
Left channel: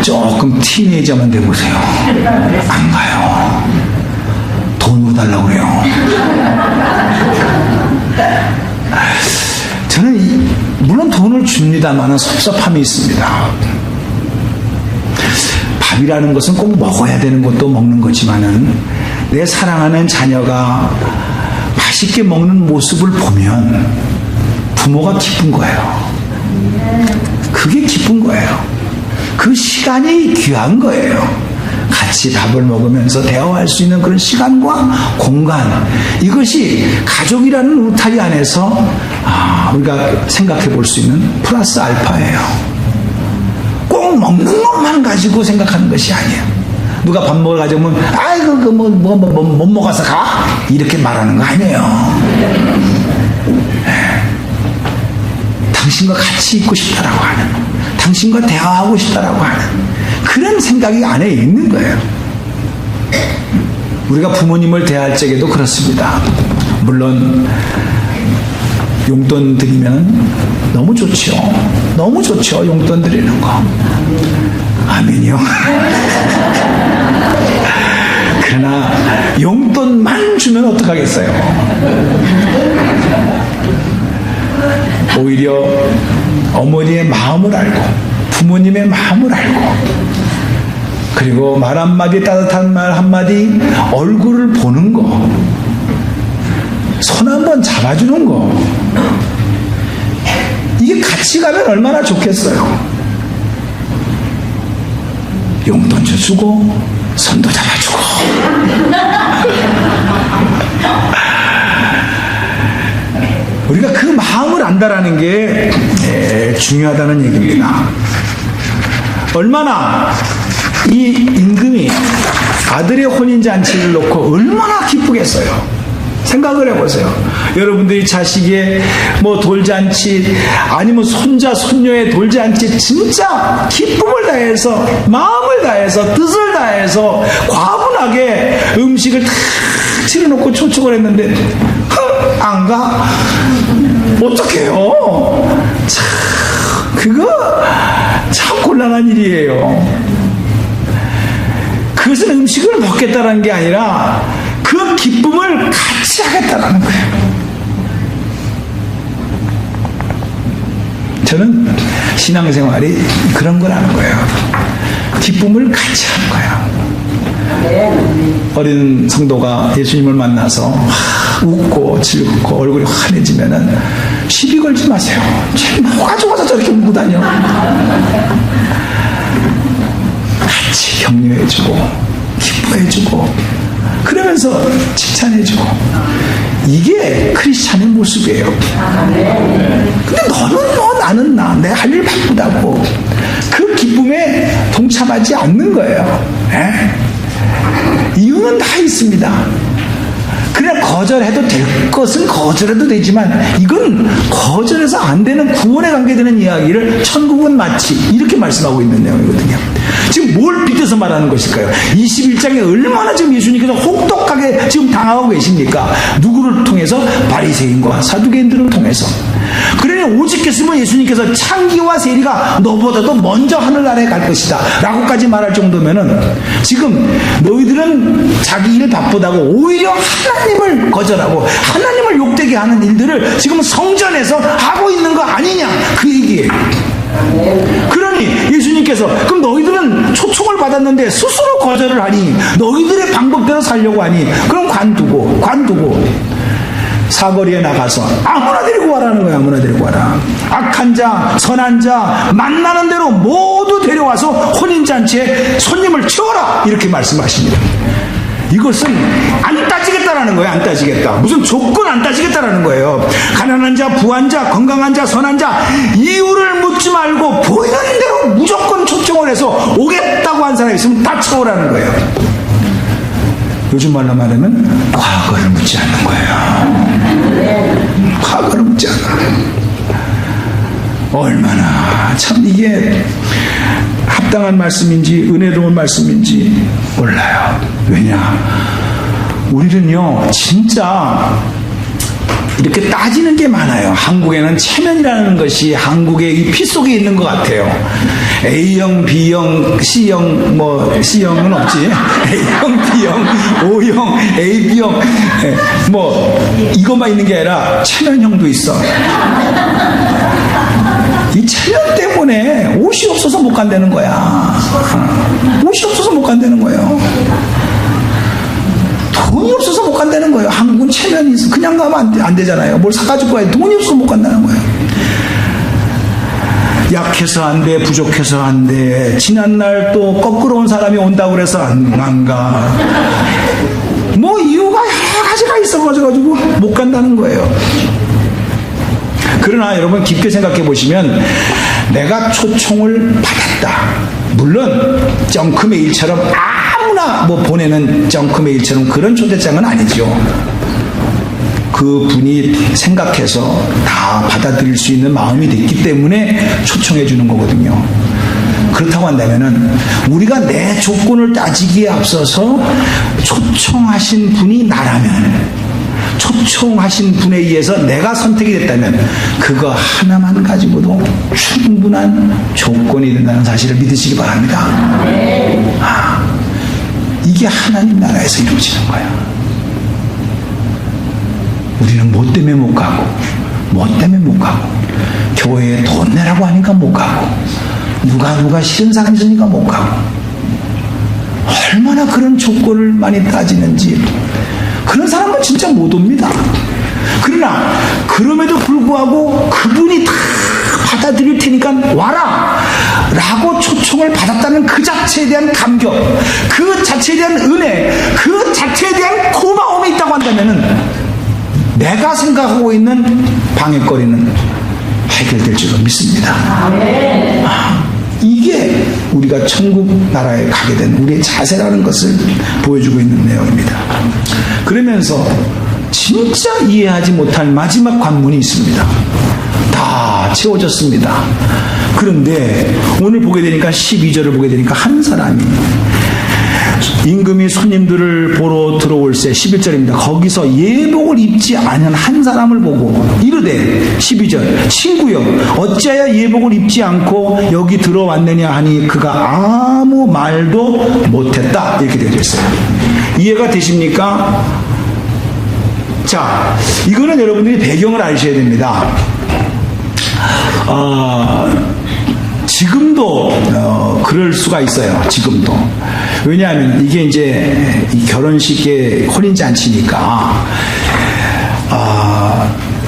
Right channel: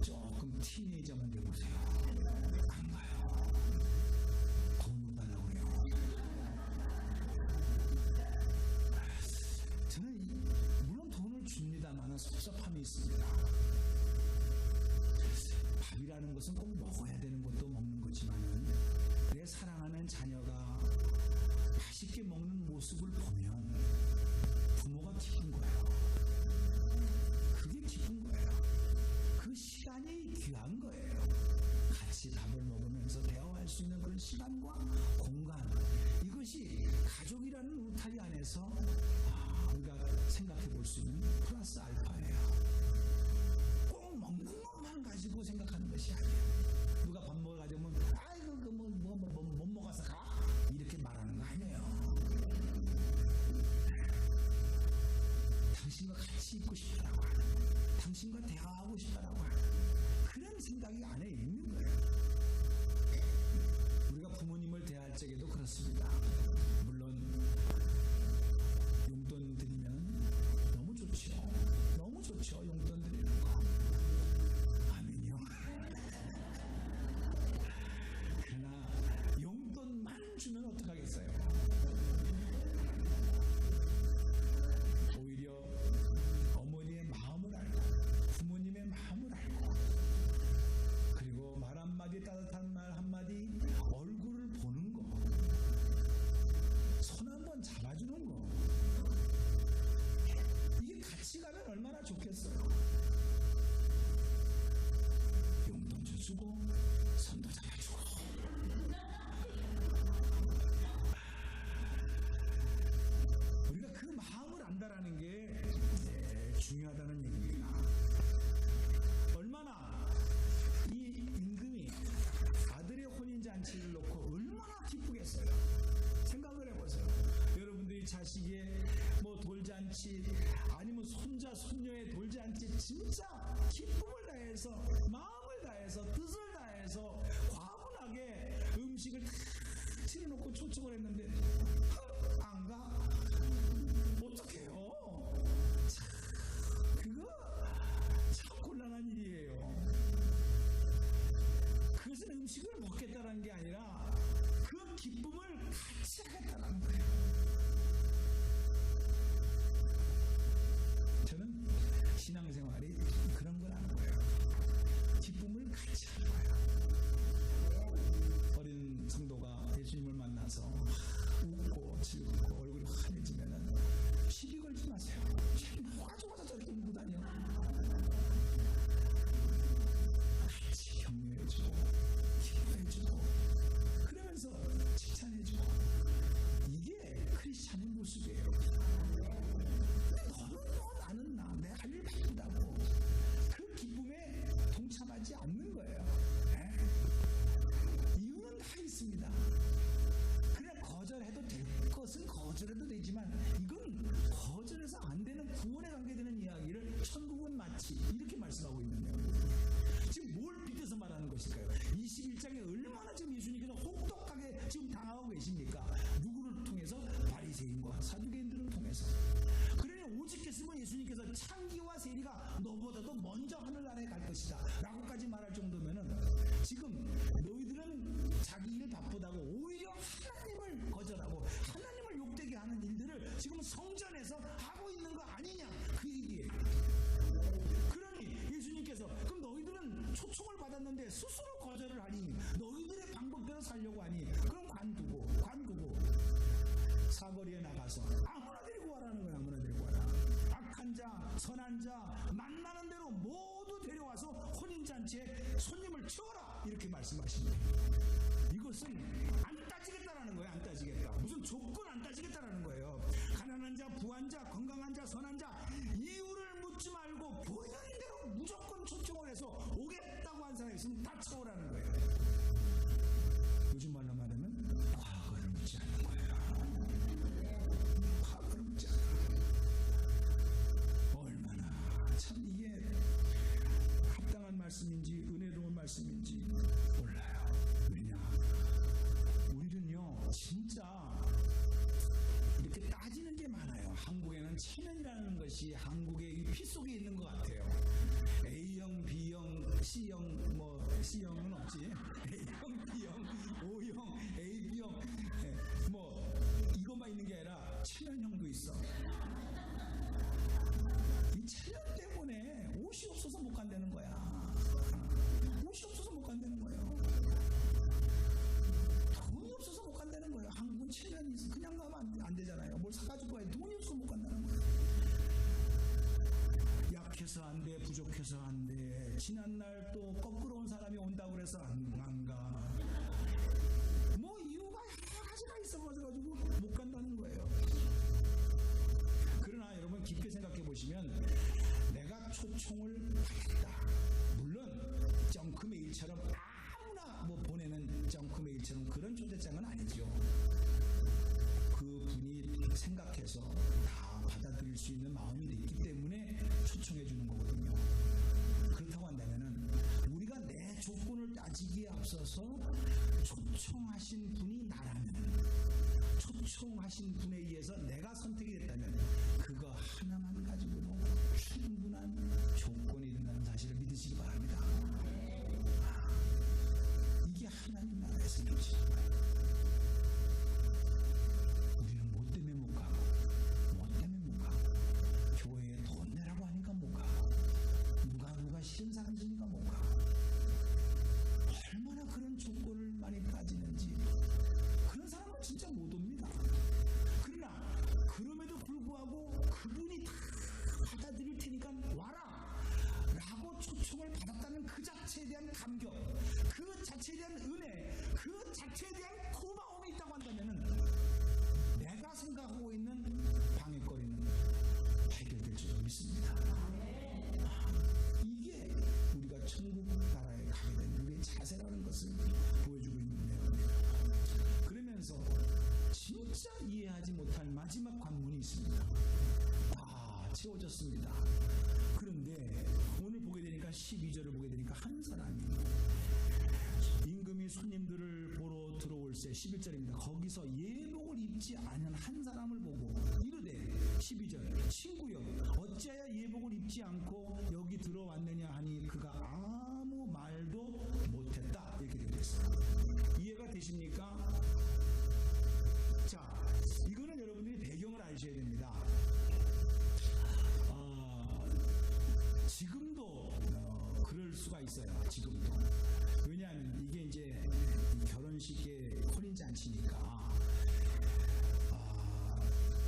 조금 티네이저만 돼보세요. 안 가요. 돈으로 달라고 그래요. 저는 물론 돈을 줍니다만 섭섭함이 있습니다. 밥이라는 것은 꼭 먹어야 되는 것도 먹는 거지만은 내 사랑하는 자녀가 맛있게 먹는 모습을 보면 부모가 기쁜 거예요. 그게 기쁜 거예요. 그 시간이 귀한 거예요. 같이 같이 밥을 먹으면서 대화할 수 있는 그런 시간과 공간, 이것이 가족이라는 울타리 안에서 우리가 생각해 볼 수 있는 플러스 알파예요. 꼭 먹는 것만 가지고 생각하는 것이 아니에요. 누가 밥 먹으러 가자면 아이고 못 먹어서 가? 이렇게 말하는 거 아니에요. 당신과 같이 있고 싶다라고 하는, 당신과 대화하고 싶다라고 하는 그런 생각이 안에 있는 거예요. 우리가 부모님을 대할 적에도 그렇습니다. 물론 용돈 드리면 너무 좋죠. 너무 좋죠. 용돈 드리는 거. 아멘이요. 그러나 용돈만 주면 어떡하겠어요. 오히려 어머니의 마음을 알고 부모님의 마음을 알고, 그리고 말 한마디, 따뜻한 말 한마디, 얼굴을 보는 거, 손 한번 잡아주는 거, 이게 같이 가면 얼마나 좋겠어요. 용돈도 주고 손도 잡아주고. 우리가 그 마음을 안다라는 게 중요하다는 얘기입니다. 얼마나 이 임금이 아들의 혼인잔치를 놓고 얼마나 기쁘겠어요. 생각을 해보세요. 여러분들이 자식의 돌잔치, 아니면 손자 손녀의 돌잔치, 진짜 기쁨을 다해서, 마음을 다해서, 뜻을 다해서 과분하게 음식을 탁 차려놓고 초청을 했는데 안 가? 어떡해요? 참, 그거 참 곤란한 일이에요. 그것은 음식을 먹겠다는 게 아니라 그 기쁨을 같이 하겠다는 거예요. 저는 신앙생활이 그런 거라는 거예요. 기쁨을 같이 하는 거예요. 어린 성도가 예수님을 만나서 웃고 즐겁고 얼굴이 환해지면은 시비 걸지 마세요. 쟤 뭐가 좋아서 저렇게 울고 다녀. 같이 격려해주고 기뻐해주고 그러면서 칭찬해주고, 이게 크리스찬의 모습이에요. 근데 너는 나는 내 할 일 바쁘다고 그 기쁨에 동참하지 않는 거예요. 이유는 다 있습니다. 그냥 거절해도 될 것은 거절해도 되지만, 이건 거절해서 안 되는 구원에 관계되는 이야기를 천국은 마치 이렇게 말씀하고 있는 내용이거든요. 지금 뭘 빗대서 말하는 것일까요? 21장에 얼마나 지금 예수님께서 혹독하게 지금 당하고 계십니까? 누구를 통해서? 바리새인과 사두개인들을 통해서. 그러니 오직했으면 예수님께서 창기와 세리가 너보다도 먼저 하늘나라에 갈 것이다 라고까지 말할 정도면은, 지금 너희들은 자기 일 바쁘다고 오히려 하나님을 거절하고 하나님을 욕되게 하는 일들을 지금 성전에서 하고 있는 거 아니냐, 그 얘기예요. 그러니 예수님께서 그럼 너희들은 초청을 받았는데 스스로 거절을 하니, 너희들의 방법대로 살려고 하니, 그럼 관두고 사거리에 나가서 아무나 데리고 와라는 거야. 아무나 데리고 와라. 악한 자, 선한 자, 만나는 대로 모두 데려와서 혼인잔치에 손님을 채워라, 이렇게 말씀하십니다. 이것은 안 따지겠다라는 거예요. 안 따지겠다. 무슨 조건 안 따지겠다라는 거예요. 가난한 자, 부한 자, 건강한 자, 선한 자, 이유를 묻지 말고 보이는 대로 무조건 초청을 해서 오겠다고 한 사람이 있으면 다 채우라는 거예요. 요즘 말로 말하면 과거를 묻지 않는 거예요. 과거를 묻지 않아요. 얼마나 참 이게 합당한 말씀인지 은혜로운 말씀인지 몰라요. 왜냐, 우리는요 진짜 이렇게 따지는 게 많아요. 한국에는 체면이라는 것이 한국의 이 피 속에 있는 것 같아요. A형, B형, C형, C형은 없지. A형, B형, O형, AB형, 이것만 있는 게 아니라 체면형도 있어. 이 체면 때문에 옷이 없어서 못 간다는 거야. 옷이 없어서 못 간다는 거예요. 돈이 없어서 못 간다는 거예요. 한국은 체면이 있어. 그냥 가면 안 되잖아요. 뭘 사가지고 가야 돈이 없어서 못 간다는 거예요. 약해서 안 돼, 부족해서 안 돼, 지난날 또 거꾸로 온 사람이 온다고 그래서 안 가. 뭐 이유가 여러 가지가 있어가지고 못 간다는 거예요. 그러나 여러분 깊게 생각해 보시면 내가 초청을 받았다. 물론 정크메일처럼 아무나 뭐 보내는 정크메일처럼 그런 초대장은 아니죠. 그 분이 생각해서 다 받아들일 수 있는 마음이 됐기 때문에 초청해 주는 거거든요. 그렇다고 한다면은 우리가 내 조건을 따지기에 앞서서 초청하신 분이 나라면, 초청하신 분에 의해서 내가 선택이 됐다면 그거 하나만 가지고도 충분한 조건이 된다는 사실을 믿으시기 바랍니다. 이게 하나님 나라에서 이루어지는 거야. 우리는 뭐 때문에 못 가고, 뭐 때문에 못 가고, 교회에 돈 내라고 하니까 못 가고, 누가 싫은 사람 있으니까 못 가고, 얼마나 그런 조건을 많이 따지는지. 그런 사람은 진짜 못 옵니다. 그러나 그럼에도 불구하고 그분이 다 받아들일 테니까 와라 라고 초청을 받았다는 그 자체에 대한 감격, 그 자체에 대한 은혜, 그 자체에 대한 고마움이 있다고 한다면은 내가 생각하고 있는 방해거리는 해결될 줄로 믿습니다. 이게 우리가 천국 나라에 가게 된 우리의 자세라는 것을 보여주고 있는 내용입니다. 그러면서 진짜 이해하지 못할 마지막 관문이 있습니다. 다 채워졌습니다. 그런데 오늘 보게 되니까 12절을 보게 되니까 한 사람이 임금이 손님들을 보러 들어올새 11절입니다. 거기서 예복을 입지 않은 한 사람을 보고 이르되 12절 친구여 어찌하여 예복을 입지 않고 여기 들어왔느냐 하니 그가 아무 말도 못했다. 이렇게 되어 있어요. 이해가 되십니까? 자, 이거는 여러분들이 배경을 아셔야 됩니다. 지금도 그럴 수가 있어요. 지금도. 왜냐하면 이게 이제 이 결혼식의 혼인잔치니까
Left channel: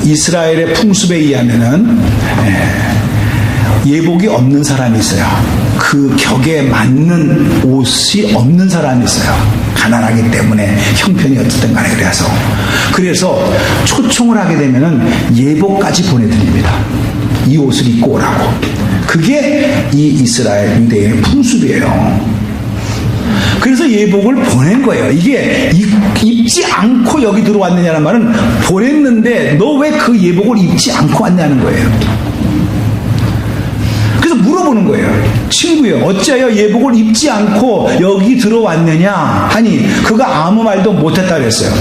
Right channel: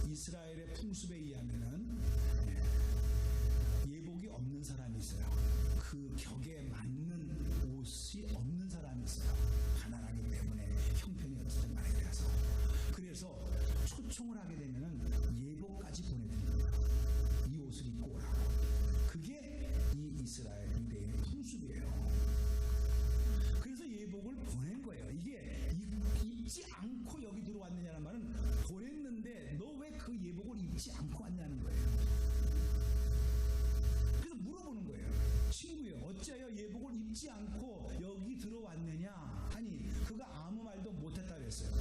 이스라엘의 풍습에 의하면은 예복이 없는 사람이 있어요. 그 격에 맞는 옷이 없는 사람이 있어요. 가난하기 때문에 형편이 어쨌든 간에 그래서 초청을 하게 되면은 예복까지 보내드립니다. 이 옷을 입고 오라고. 그게 이 이스라엘 유대의 풍습이에요. 그래서 예복을 보낸 거예요. 이게 입지 않고 여기 들어왔느냐는 말은 보냈는데 너 왜 그 예복을 입지 않고 왔냐는 거예요. 그래서 물어보는 거예요. 친구여 어찌하여 예복을 입지 않고 여기 들어왔느냐 하니 그가 아무 말도 못했다 그랬어요.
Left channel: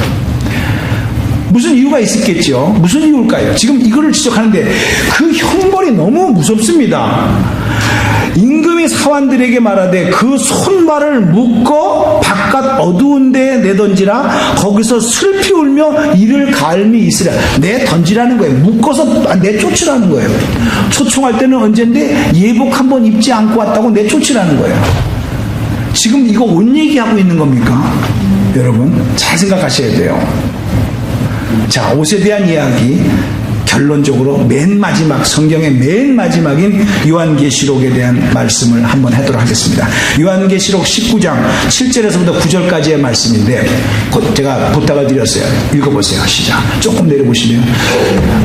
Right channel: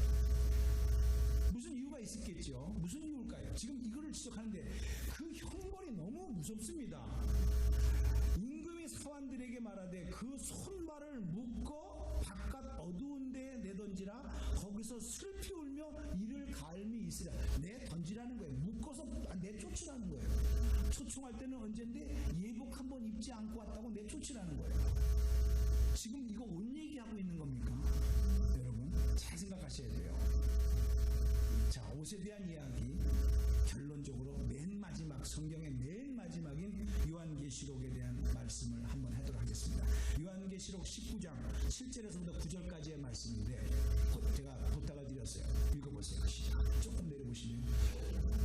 무슨 이유가 있었겠죠. 무슨 이유일까요? 지금 이거를 지적하는데 그 형벌이 너무 무섭습니다. 임금이 사환들에게 말하되 그 손발을 묶어 바깥 어두운 데에 내던지라 거기서 슬피 울며 이를 갈미 있으라. 내던지라는 거예요. 묶어서 내쫓으라는 거예요. 초청할 때는 언젠데 예복 한번 입지 않고 왔다고 내쫓으라는 거예요. 지금 이거 옷 얘기하고 있는 겁니까? 여러분 잘 생각하셔야 돼요. 자, 옷에 대한 이야기 결론적으로 맨 마지막 성경의 맨 마지막인 요한계시록에 대한 말씀을 한번 하도록 하겠습니다. 요한계시록 19장 7절에서부터 9절까지의 말씀인데 제가 부탁을 드렸어요. 읽어보세요. 시작. 조금 내려보시면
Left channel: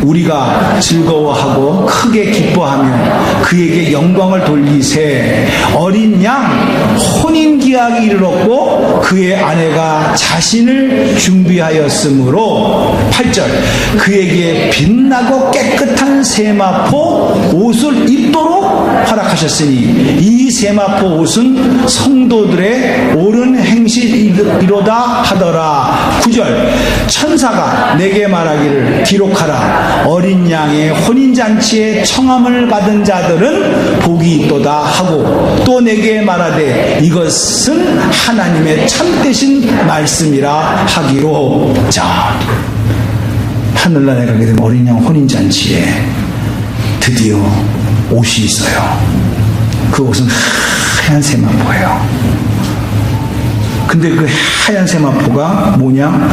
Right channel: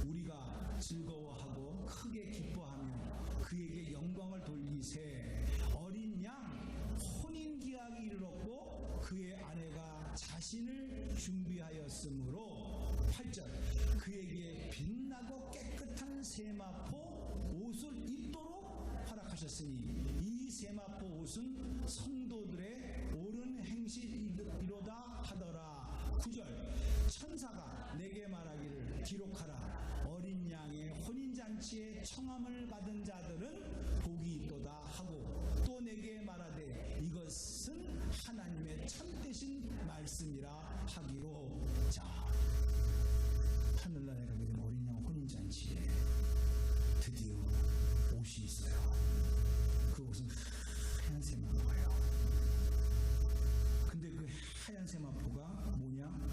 우리가 즐거워하고 크게 기뻐하며 그에게 영광을 돌리세 어린 양 혼인기약이 이르렀고 그의 아내가 자신을 준비하였으므로 8절 그에게 빛나고 깨끗한 세마포 옷을 입도록 허락하셨으니 이 세마포 옷은 성도들의 옳은 행실이로다 하더라. 9절 천사가 내게 말하기를 기록하라. 어린 양의 혼인잔치에 청함을 받은 자들은 복이 있도다 하고 또 내게 말하되 이것은 하나님의 참되신 말씀이라 하기로. 자, 하늘나라에 가게 되면 어린 양 혼인잔치에 드디어 옷이 있어요. 그 옷은 하얀 세마포예요. 근데 그 하얀 세마포가 뭐냐?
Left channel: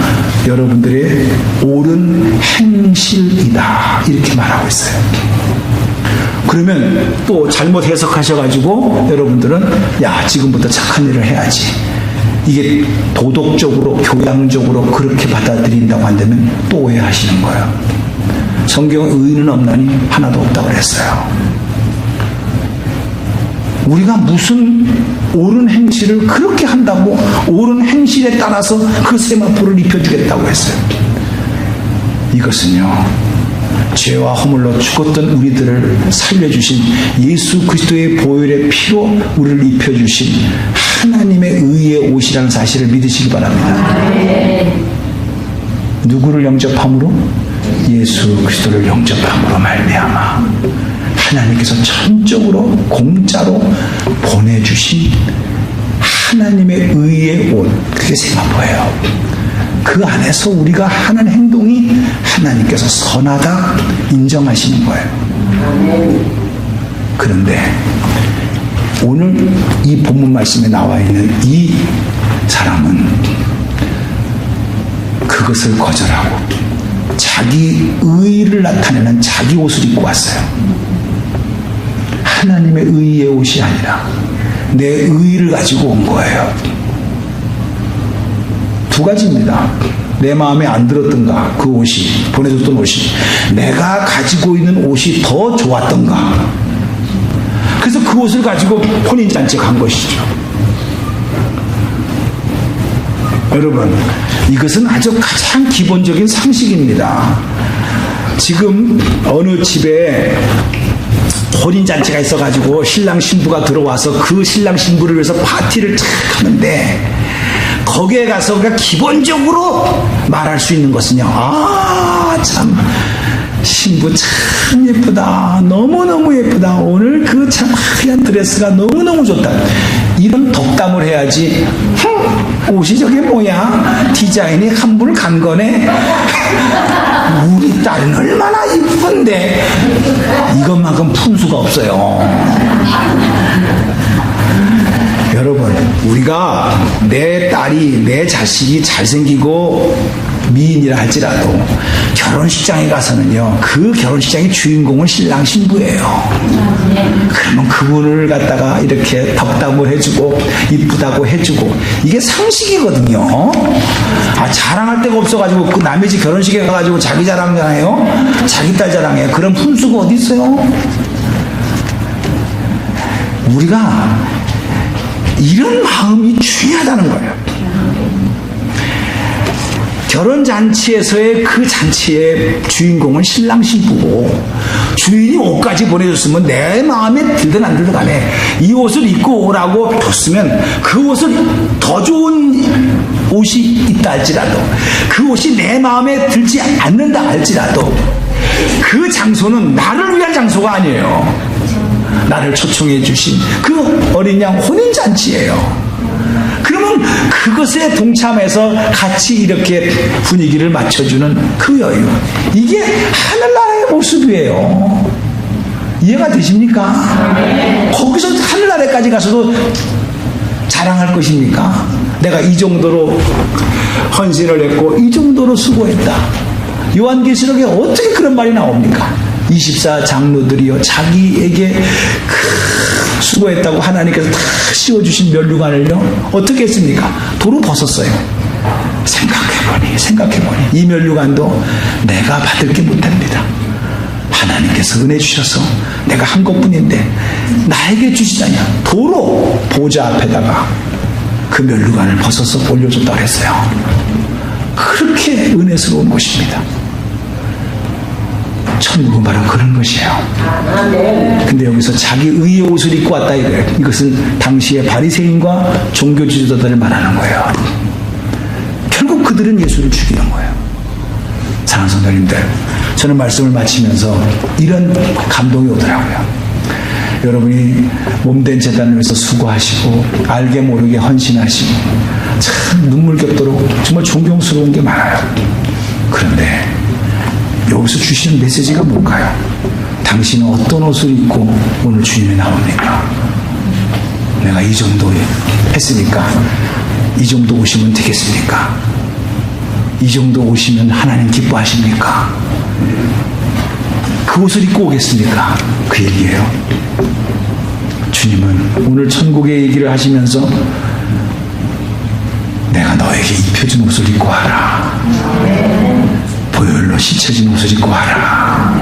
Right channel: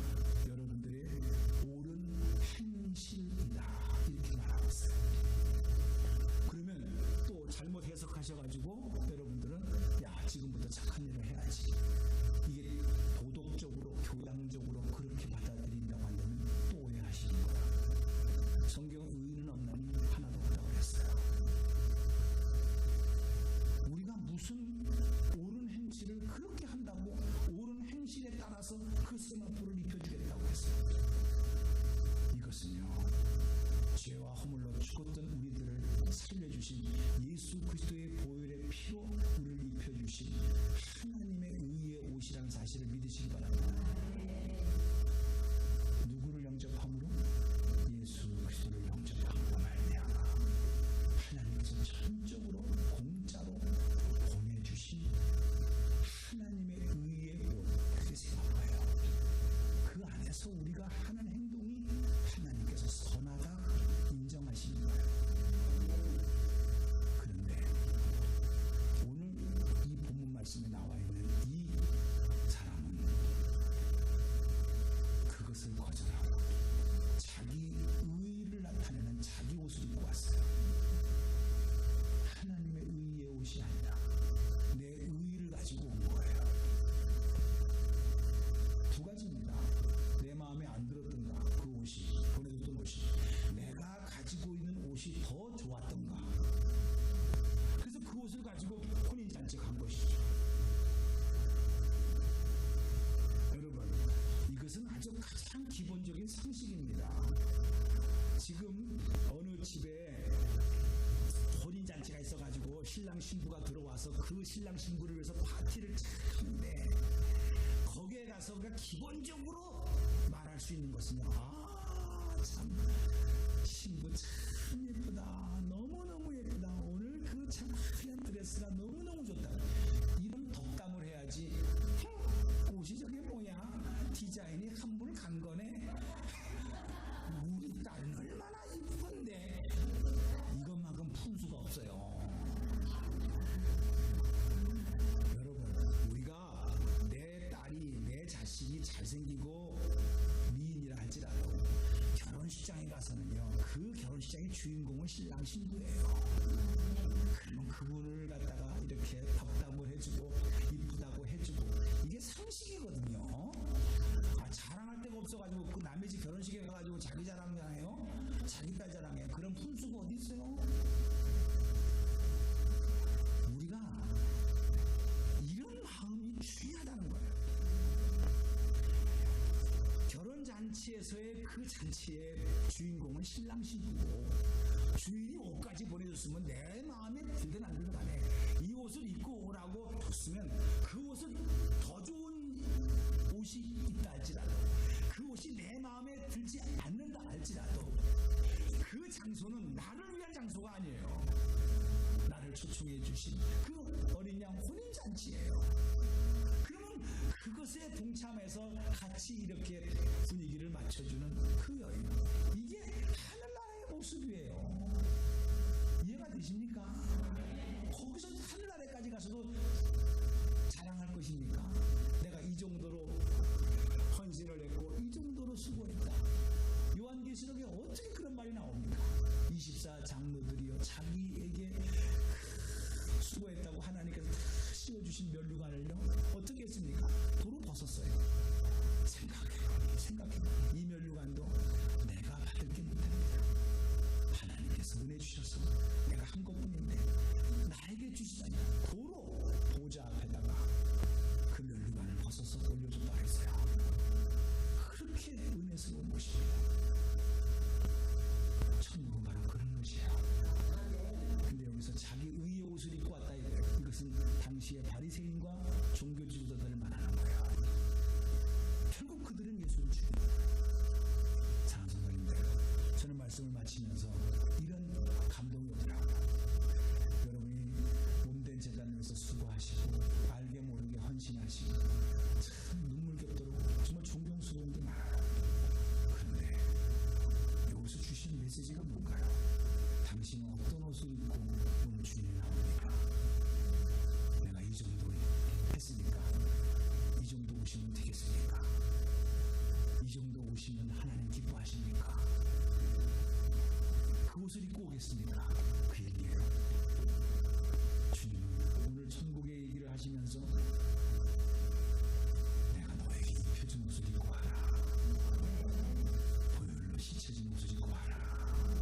여러분들의 옳은 행실이다. 이렇게 말하고 있어요. 그러면 또 잘못 해석하셔가지고 여러분들은 야, 지금부터 착한 일을 해야지. 이게 도덕적으로, 교양적으로 그렇게 받아들인다고 한다면 또 오해하시는 거예요. 성경에 의인은 없나니 하나도 없다고 그랬어요. 우리가 무슨 옳은 행실을 그렇게 한다고 옳은 행실에 따라서 그 세마포를 입혀주겠다고 했어요. 이것은요, 죄와 허물로 죽었던 우리들을 살려주신 예수 그리스도의 보혈의 피로 우리를 입혀주신 하나님의 의의 옷이라는 사실을 믿으시기 바랍니다. 누구를 영접함으로? 예수 그리스도를 영접함으로 말미암아 하나님께서 전적으로 공짜로 보내주신 하나님의 의의 옷, 그게 세마포예요. 그 안에서 우리가 하는 행동이 하나님께서 선하다 인정하시는 거예요. 그런데 오늘 이 본문 말씀에 나와 있는 이 사람은 그것을 거절하고 자기 의의를 나타내는 자기 옷을 입고 왔어요. 하나님의 의의 옷이 아니라 내 의의를 가지고 온 거예요. 두 가지입니다. 내 마음에 안 들었던가, 그 옷이, 보내줬던 옷이 내가 가지고 있는 옷이 더 좋았던가, 그래서 그 옷을 가지고 혼인잔치에 간 것이죠. 여러분, 이것은 아주 가장 기본적인 상식입니다. 지금 어느 집에 혼인잔치가 있어가지고 신랑 신부가 들어와서 그 신랑 신부를 위해서 파티를 쫙 하는데, 거기에 가서 우리가 기본적으로 말할 수 있는 것은요, 아, 참 신부 참 예쁘다, 너무너무 예쁘다, 오늘 그 참 하얀 드레스가 너무너무 좋다, 이런 덕담을 해야지. 옷이 저게 뭐야, 디자인이 한물 간 거네, 우리 딸은 얼마나 이쁜데, 이것만큼 품수가 없어요. 여러분, 우리가 내 딸이, 내 자식이 잘생기고 미인이라 할지라도 결혼식장에 가서는요, 그 결혼식장의 주인공은 신랑 신부예요. 그러면 그분을 갖다가 이렇게 덕담을 해주고 이쁘다고 해주고, 이게 상식이거든요. 아, 자랑할 데가 없어가지고 그 남의 집 결혼식에 가가지고 자기 자랑하잖아요, 자기 딸 자랑해요. 그런 품수가 어디 있어요? 우리가 이런 마음이 중요하다는 거예요. 결혼잔치에서의 그 잔치의 주인공은 신랑 신부고, 주인이 옷까지 보내줬으면 내 마음에 들든 안 들든 간에 이 옷을 입고 오라고 줬으면 그 옷을 더 좋은 옷이 있다 할지라도, 그 옷이 내 마음에 들지 않는다 할지라도, 그 장소는 나를 위한 장소가 아니에요. 나를 초청해 주신 그 어린 양 혼인잔치예요. 그러면 그것에 동참해서 같이 이렇게 분위기를 맞춰주는 그 여유, 이게 하늘나라의 모습이에요. 이해가 되십니까? 거기서 하늘나라까지 가서도 자랑할 것입니까? 내가 이 정도로 헌신을 했고 이 정도로 수고했다. 요한계시록에 어떻게 그런 말이 나옵니까? 24장로들이요, 자기에게 수고했다고 하나님께서 다 씌워주신 면류관을요, 어떻게 했습니까? 도로 벗었어요. 생각해보니 이 면류관도 내가 받을 게 못합니다. 하나님께서 은혜 주셔서 내가 한 것뿐인데 나에게 주시자냐, 도로 보좌 앞에다가 그 면류관을 벗어서 올려줬다고 했어요. 그렇게 은혜스러운 곳입니다. 천국은 바로 그런 것이에요. 근데 여기서 자기 의의 옷을 입고 왔다 이거예요. 이것은 당시의 바리새인과 종교 지도자들을 말하는 거예요. 결국 그들은 예수를 죽이는 거예요. 사랑하는 성도님들, 저는 말씀을 마치면서 이런 감동이 오더라고요. 여러분이 몸된 재단을 위해서 수고하시고 알게 모르게 헌신하시고 참 눈물겹도록 정말 존경스러운 게 많아요. 그런데 여기서 주시는 메시지가 뭘까요? 당신은 어떤 옷을 입고 오늘 주님에 나옵니까? 내가 이 정도 했으니까 이 정도 오시면 되겠습니까? 이 정도 오시면 하나님 기뻐하십니까? 그 옷을 입고 오겠습니까? 그 얘기예요. 주님은 오늘 천국의 얘기를 하시면서 내가 너에게 입혀준 옷을 입고 와라. 보혈로 씻혀진 옷을 입고 와라.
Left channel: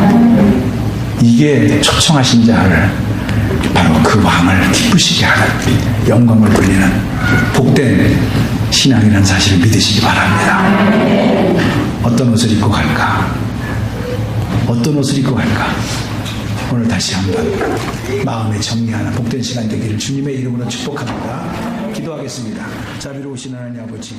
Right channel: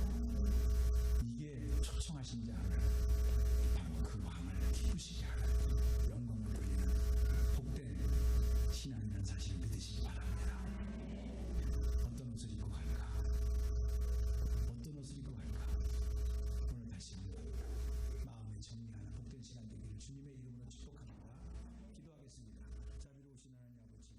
이게 초청하신 자를 바로 그 왕을 기쁘시게 하는, 영광을 돌리는 복된 신앙이라는 사실을 믿으시기 바랍니다. 어떤 옷을 입고 갈까? 어떤 옷을 입고 갈까? 오늘 다시 한번 마음에 정리하는 복된 시간 되기를 주님의 이름으로 축복합니다. 기도하겠습니다. 자비로우신 하나님 아버지,